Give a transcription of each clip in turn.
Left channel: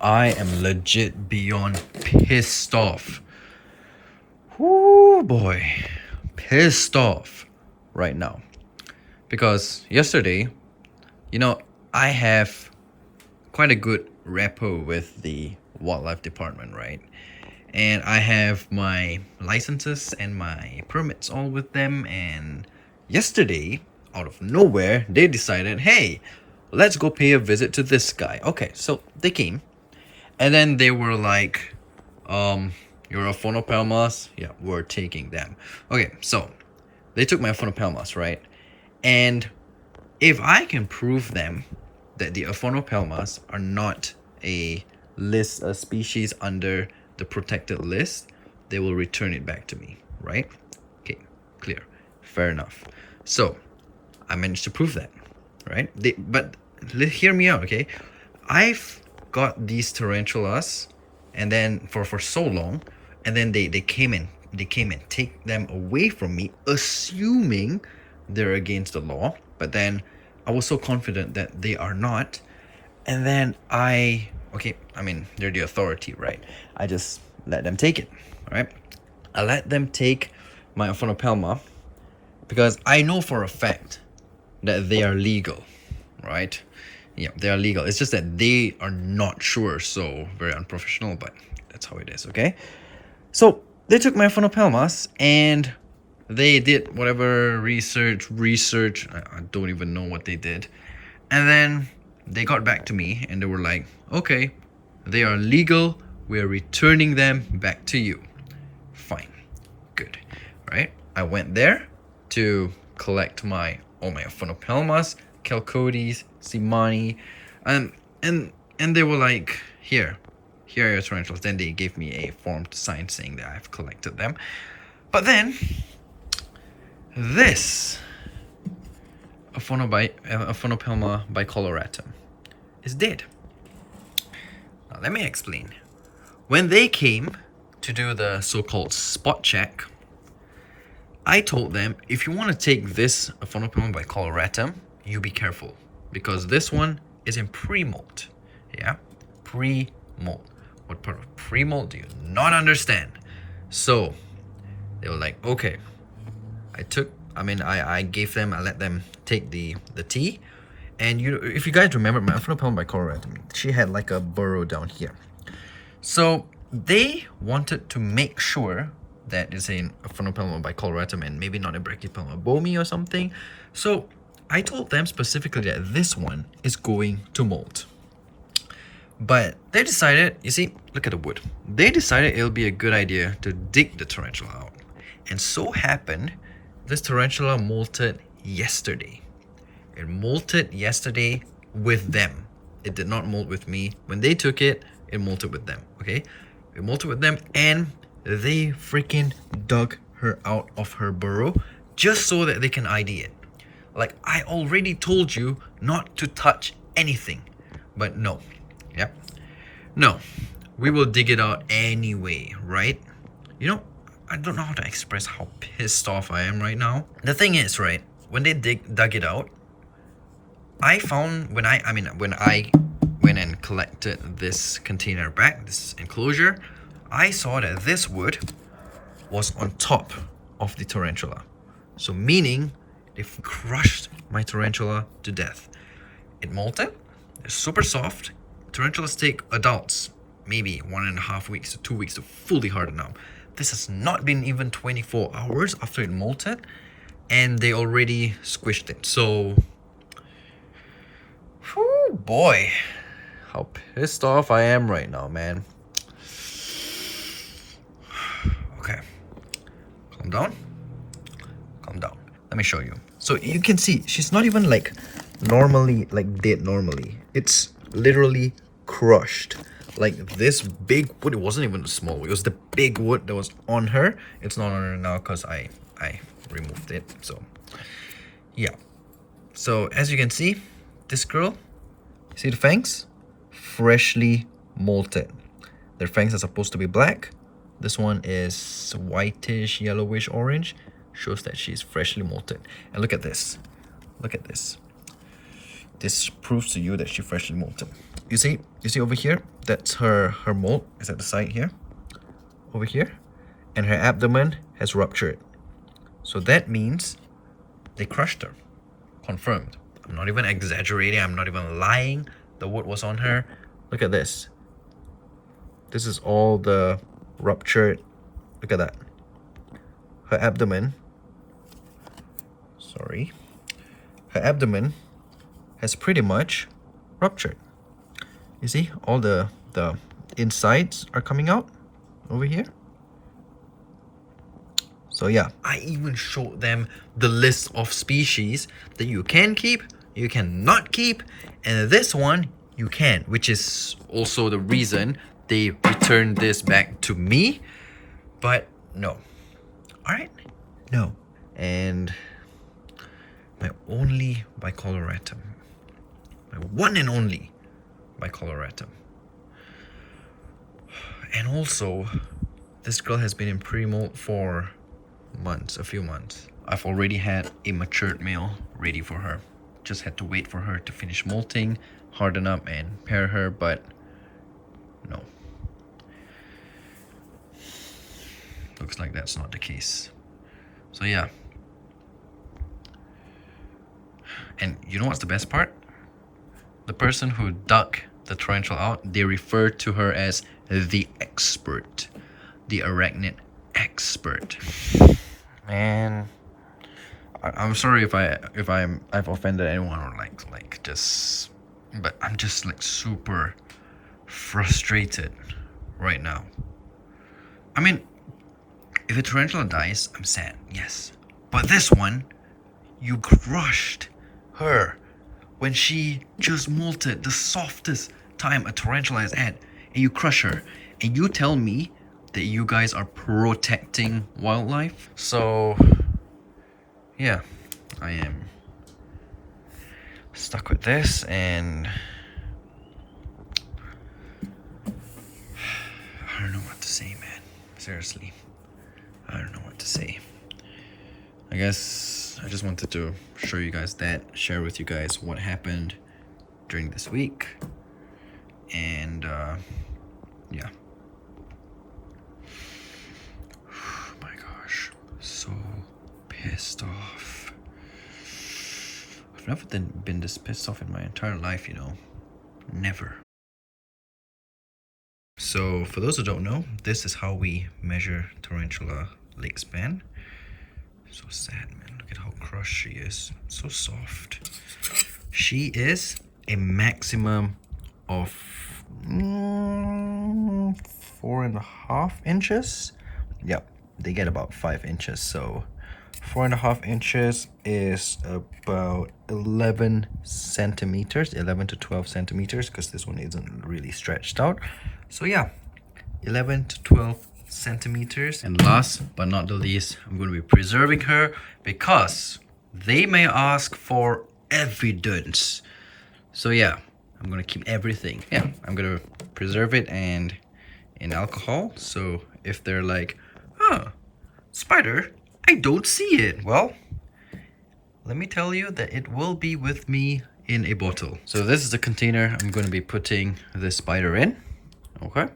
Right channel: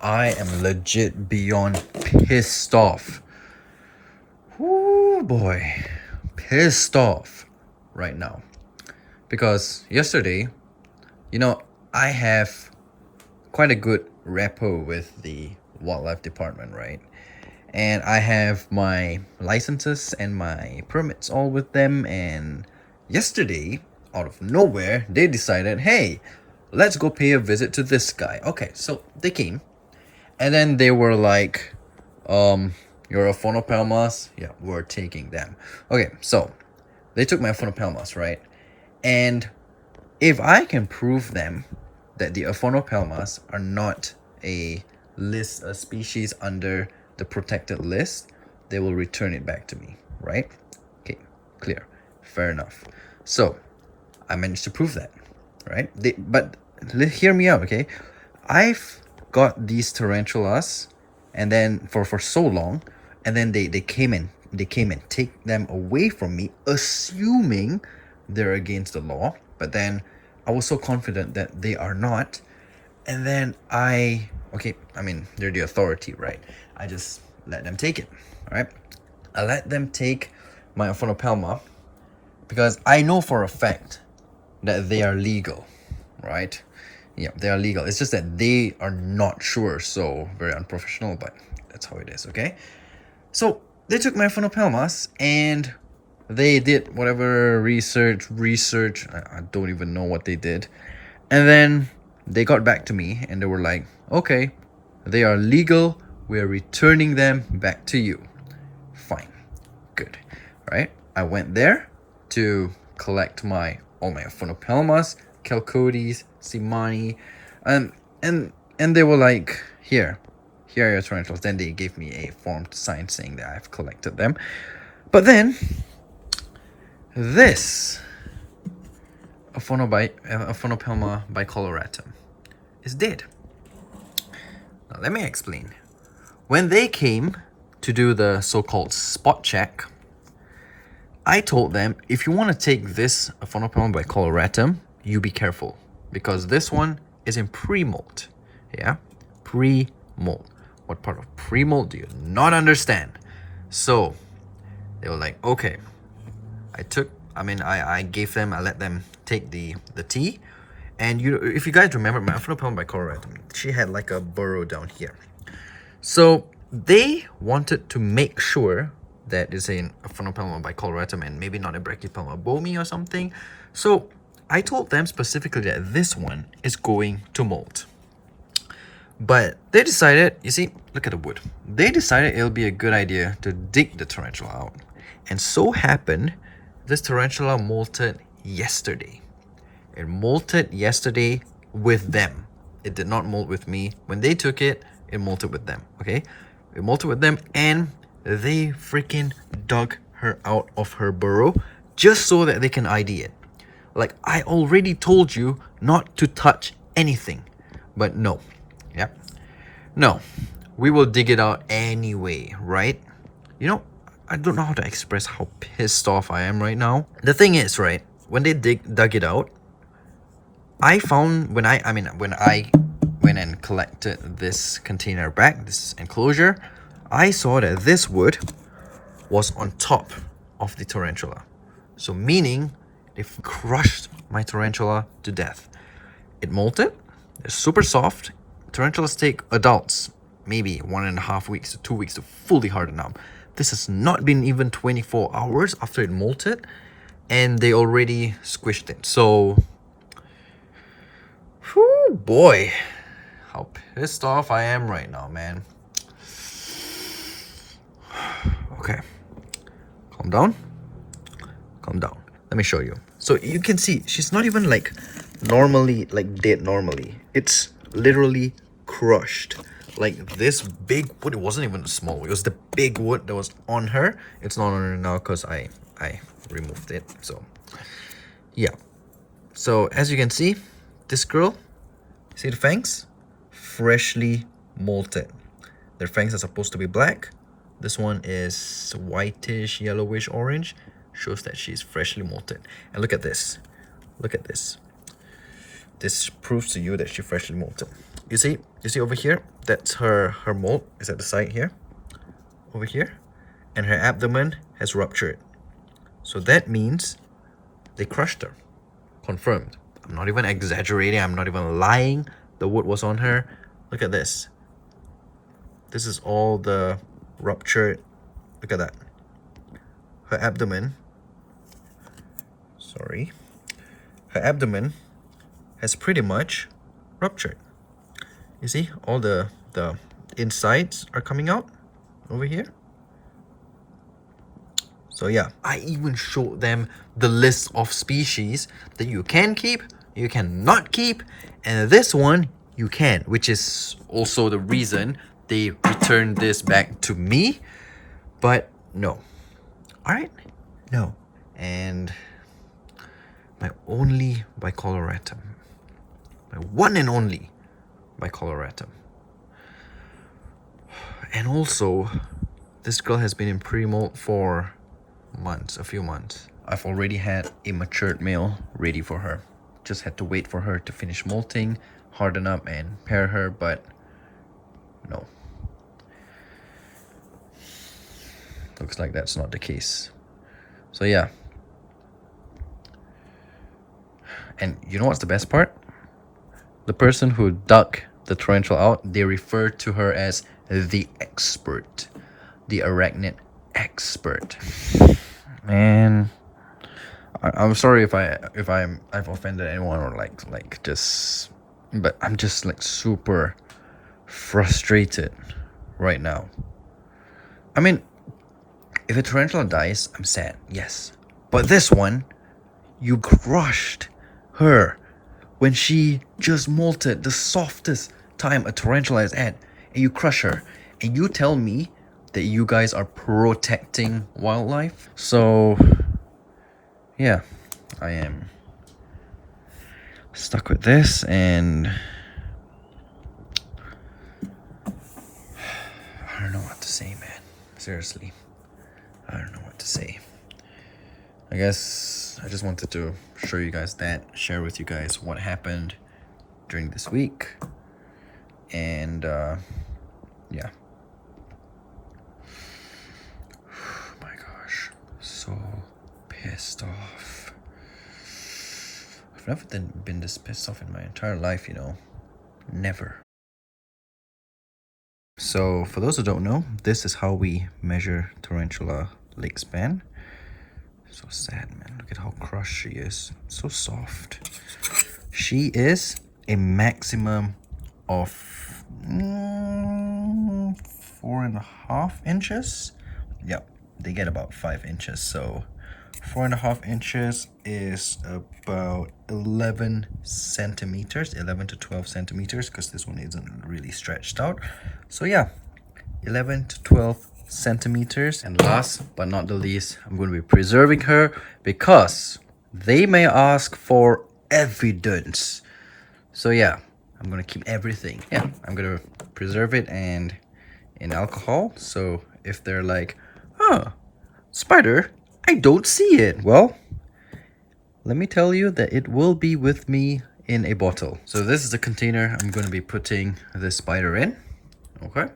I am legit beyond pissed off. Whoo boy. Pissed off right now. Because yesterday, I have quite a good rapport with the wildlife department, right? And I have my licenses and my permits all with them. And yesterday, out of nowhere, they decided, hey, let's go pay a visit to this guy. Okay, so they came. And then they were like, your phonopelmas? Yeah, we're taking them. Okay, so they took my phonopelmas, right? And if I can prove them that the Aphonopelmas are not a species under the protected list, they will return it back to me, right? Okay, clear, fair enough. So I managed to prove that, right? But hear me out, okay? I've got these tarantulas, and then for so long, and then they came and take them away from me, assuming they're against the law. But then I was so confident that they are not. And then I mean, they're the authority, right? I just let them take it, right? I let them take my Aphonopelma because I know for a fact that they are legal, right? Yeah, they are legal. It's just that they are not sure, so very unprofessional, but that's how it is, okay? So they took my Aphonopelmas and they did whatever research. I don't even know what they did. And then they got back to me and they were like, okay, they are legal. We're returning them back to you. Fine. Good. Right? I went there to collect all my Phonopelmas, Chalcodes, Simani, and they were like, here are your tarantulas. Then they gave me a form to sign saying that I've collected them. But then this Aphonopelma bicoloratum is dead. Now let me explain. When they came to do the so-called spot check, I told them, if you want to take this Aphonopelma bicoloratum, you be careful because this one is in pre-molt. Yeah, pre-molt. What part of pre-molt do you not understand? So they were like, okay. I let them take the tea. And if you guys remember, my Aphonopelma bicoloratum, she had like a burrow down here. So they wanted to make sure that it's an Aphonopelma bicoloratum and maybe not a Brachypelma bomi or something. So I told them specifically that this one is going to molt. But they decided, you see, look at the wood. They decided it'll be a good idea to dig the tarantula out. And so happened, this tarantula molted yesterday. It molted yesterday with them. It did not molt with me. When they took it, it molted with them, okay? It molted with them and they freaking dug her out of her burrow just so that they can ID it. Like, I already told you not to touch anything. But no. Yep. No. We will dig it out anyway, right? I don't know how to express how pissed off I am right now. The thing is, right, when they dug it out, I found when I went and collected this container back, this enclosure, I saw that this wood was on top of the tarantula. So meaning they've crushed my tarantula to death. It molted. It's super soft. Tarantulas take adults maybe 1.5 weeks to 2 weeks to fully harden up. This has not been even 24 hours after it molted, and they already squished it. So, whew, boy, how pissed off I am right now, man. Okay, calm down. Calm down. Let me show you. So you can see she's not even like dead normally. It's literally crushed. Like this big wood, it wasn't even small, it was the big wood that was on her. It's not on her now because I removed it. So yeah, so as you can see, this girl, see the fangs, freshly molted. Their fangs are supposed to be black. This one is whitish, yellowish, orange. Shows that she's freshly molted. And look at this. Look at this. This proves to you that she's freshly molted. You see over here, that's her molt is at the side here, over here, and her abdomen has ruptured. So that means they crushed her. Confirmed. I'm not even exaggerating, I'm not even lying. The wood was on her. Look at this. This is all the ruptured. Look at that. Her abdomen. Sorry. Her abdomen has pretty much ruptured. You see, all the insides are coming out over here. So yeah, I even showed them the list of species that you can keep, you cannot keep, and this one you can, which is also the reason they returned this back to me. But no. Alright? No. And my only bicoloratum. My one and only bicoloratum. And also, this girl has been in pre-molt for months, a few months. I've already had a matured male ready for her. Just had to wait for her to finish molting, harden up and pair her, but no. Looks like that's not the case. So yeah. And you know what's the best part? The person who dug the tarantula out, they refer to her as the expert. The arachnid expert. And I'm sorry if I've offended anyone or like just, but I'm just like super frustrated right now. I mean, if a tarantula dies, I'm sad, yes. But this one, you crushed her when she just molted, the softest time a tarantula is at, and you crush her. And you tell me that you guys are protecting wildlife? So, yeah, I am stuck with this, and I don't know what to say, man. Seriously, I don't know what to say. I guess I just wanted to show you guys that, share with you guys what happened during this week, and yeah. Oh my gosh, so pissed off. I've never been this pissed off in my entire life, you know. Never. So for those who don't know, this is how we measure tarantula leg span. So sad, man. Look at how crushed she is. So soft. She is a maximum of 4.5 inches. Yep, they get about 5 inches. So 4.5 inches is about 11 centimeters, 11 to 12 centimeters, because this one isn't really stretched out. So yeah, 11 to 12 centimeters. And last but not the least, I'm going to be preserving her because they may ask for evidence. So yeah, I'm going to keep everything. Yeah, I'm going to preserve it and in alcohol. So if they're like, huh, spider, I don't see it. Well, let me tell you that it will be with me in a bottle. So this is the container I'm going to be putting the spider in. Okay,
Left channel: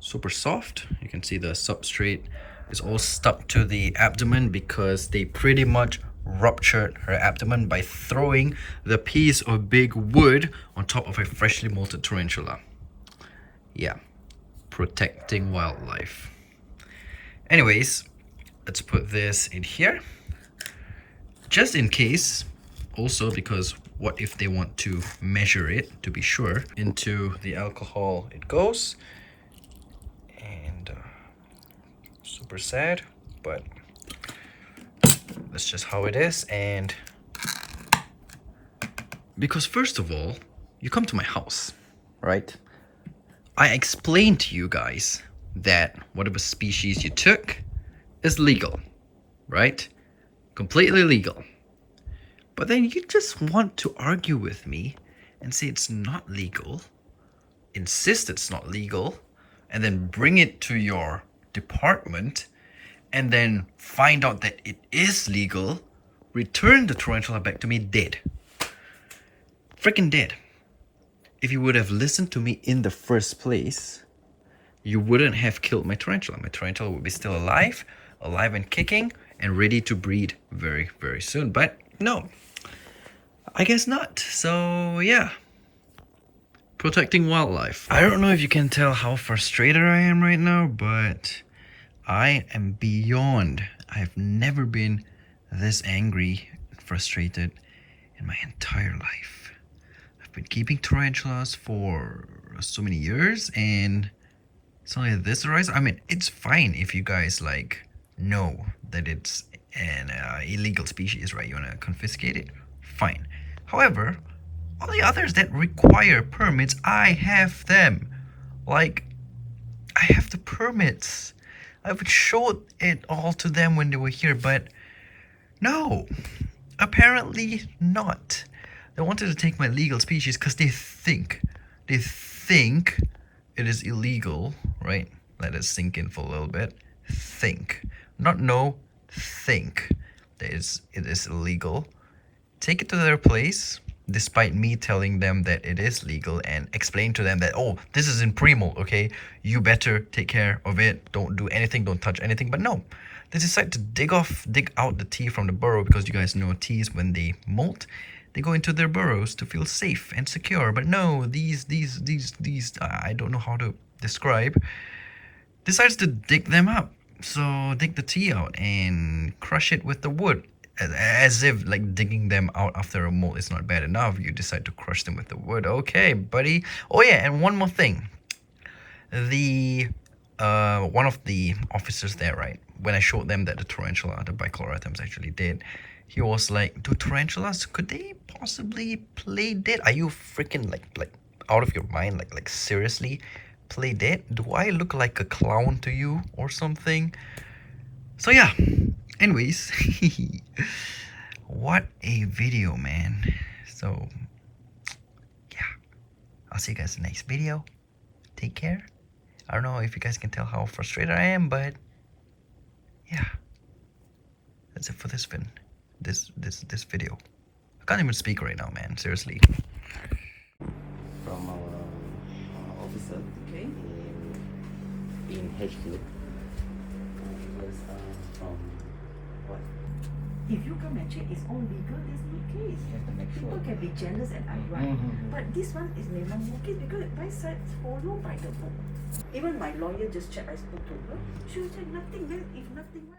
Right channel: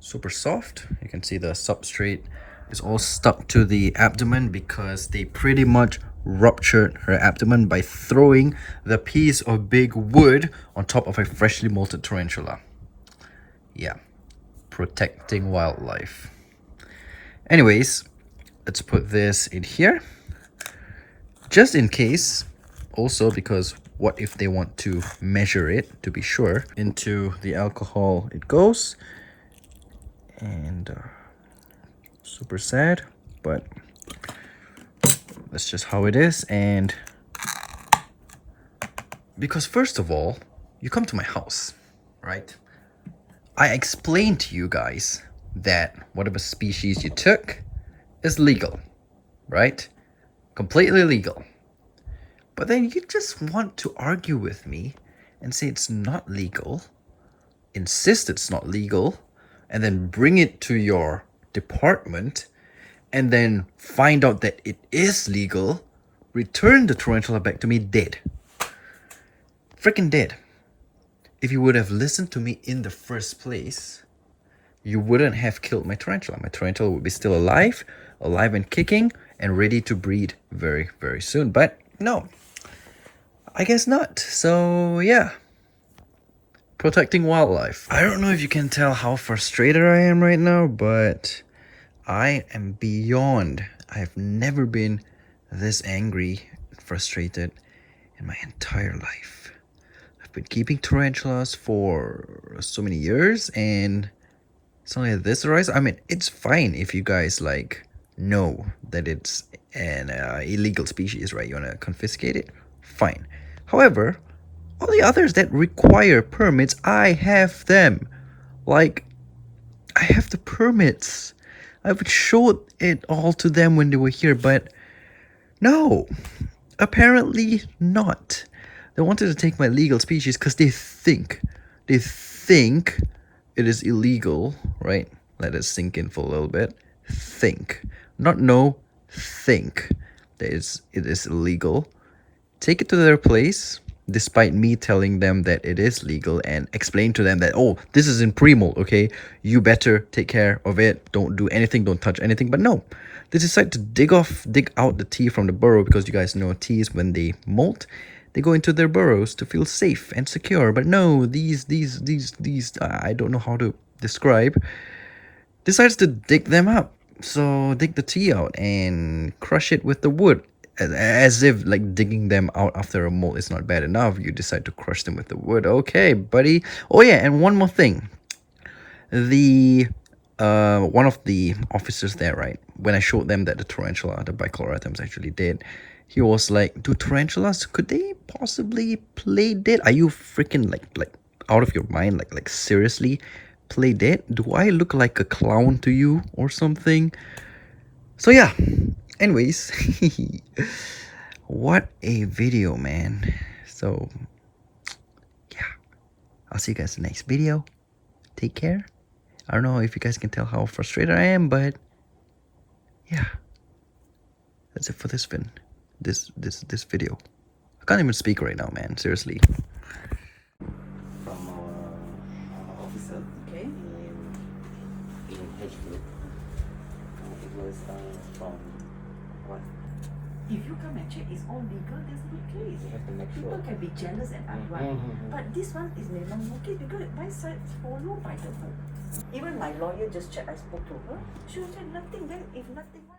super soft. You can see the substrate is all stuck to the abdomen because they pretty much ruptured her abdomen by throwing the piece of big wood on top of a freshly molted tarantula. Yeah, protecting wildlife. Anyways, let's put this in here just in case, also because what if they want to measure it to be sure. Into the alcohol it goes. And super sad, but that's just how it is. And because first of all, you come to my house, right? I explained to you guys that whatever species you took is legal, right? Completely legal. But then you just want to argue with me and say it's not legal, insist it's not legal, and then bring it to your department and then find out that it is legal, return the tarantula back to me dead. Freaking dead. if you would have listened to me in the first place, you wouldn't have killed my tarantula. My tarantula would be still alive and kicking, and ready to breed very, very soon. But no, I guess not. So yeah, protecting wildlife. I don't know if you can tell how frustrated I am right now, but I am beyond. I've never been this angry, frustrated in my entire life. I've been keeping tarantulas for so many years, and something like this arises. I mean, it's fine if you guys like know that it's an illegal species, right? You want to confiscate it, fine. However, all the others that require permits, I have them. Like, I have the permits. I would show it all to them when they were here, but no, apparently not. They wanted to take my legal species because they think it is illegal, right? Let it sink in for a little bit. Think, not know, think that it is illegal. Take it to their place, despite me telling them that it is legal, and explain to them that, oh, this is in pre-molt, okay? You better take care of it. Don't do anything, don't touch anything. But no, they decide to dig out the tea from the burrow, because you guys know teas, when they molt, they go into their burrows to feel safe and secure. But no, these I don't know how to describe, decides to dig them up. So dig the tea out and crush it with the wood. As if like digging them out after a molt is not bad enough, you decide to crush them with the wood. Okay, buddy. Oh yeah, and one more thing. The one of the officers there, right, when I showed them that the tarantula, the bicolor actually dead, he was like, do tarantulas, could they possibly play dead? Are you freaking like out of your mind? Like seriously, play dead? Do I look like a clown to you or something? So yeah, anyways, what a video, man. So yeah, I'll see you guys in the next video. Take care. I don't know if you guys can tell how frustrated I am, but yeah, that's it for this video. I can't even speak right now, man, seriously. From our officer, Okay. in HQ. It was from what? If you come and check it's all legal, it's okay. You have to make sure. People can be jealous and outright. Mhm. But this one is never okay because my side follow by the law. Even my lawyer just checked, I spoke to her. She was saying nothing, then if nothing, what?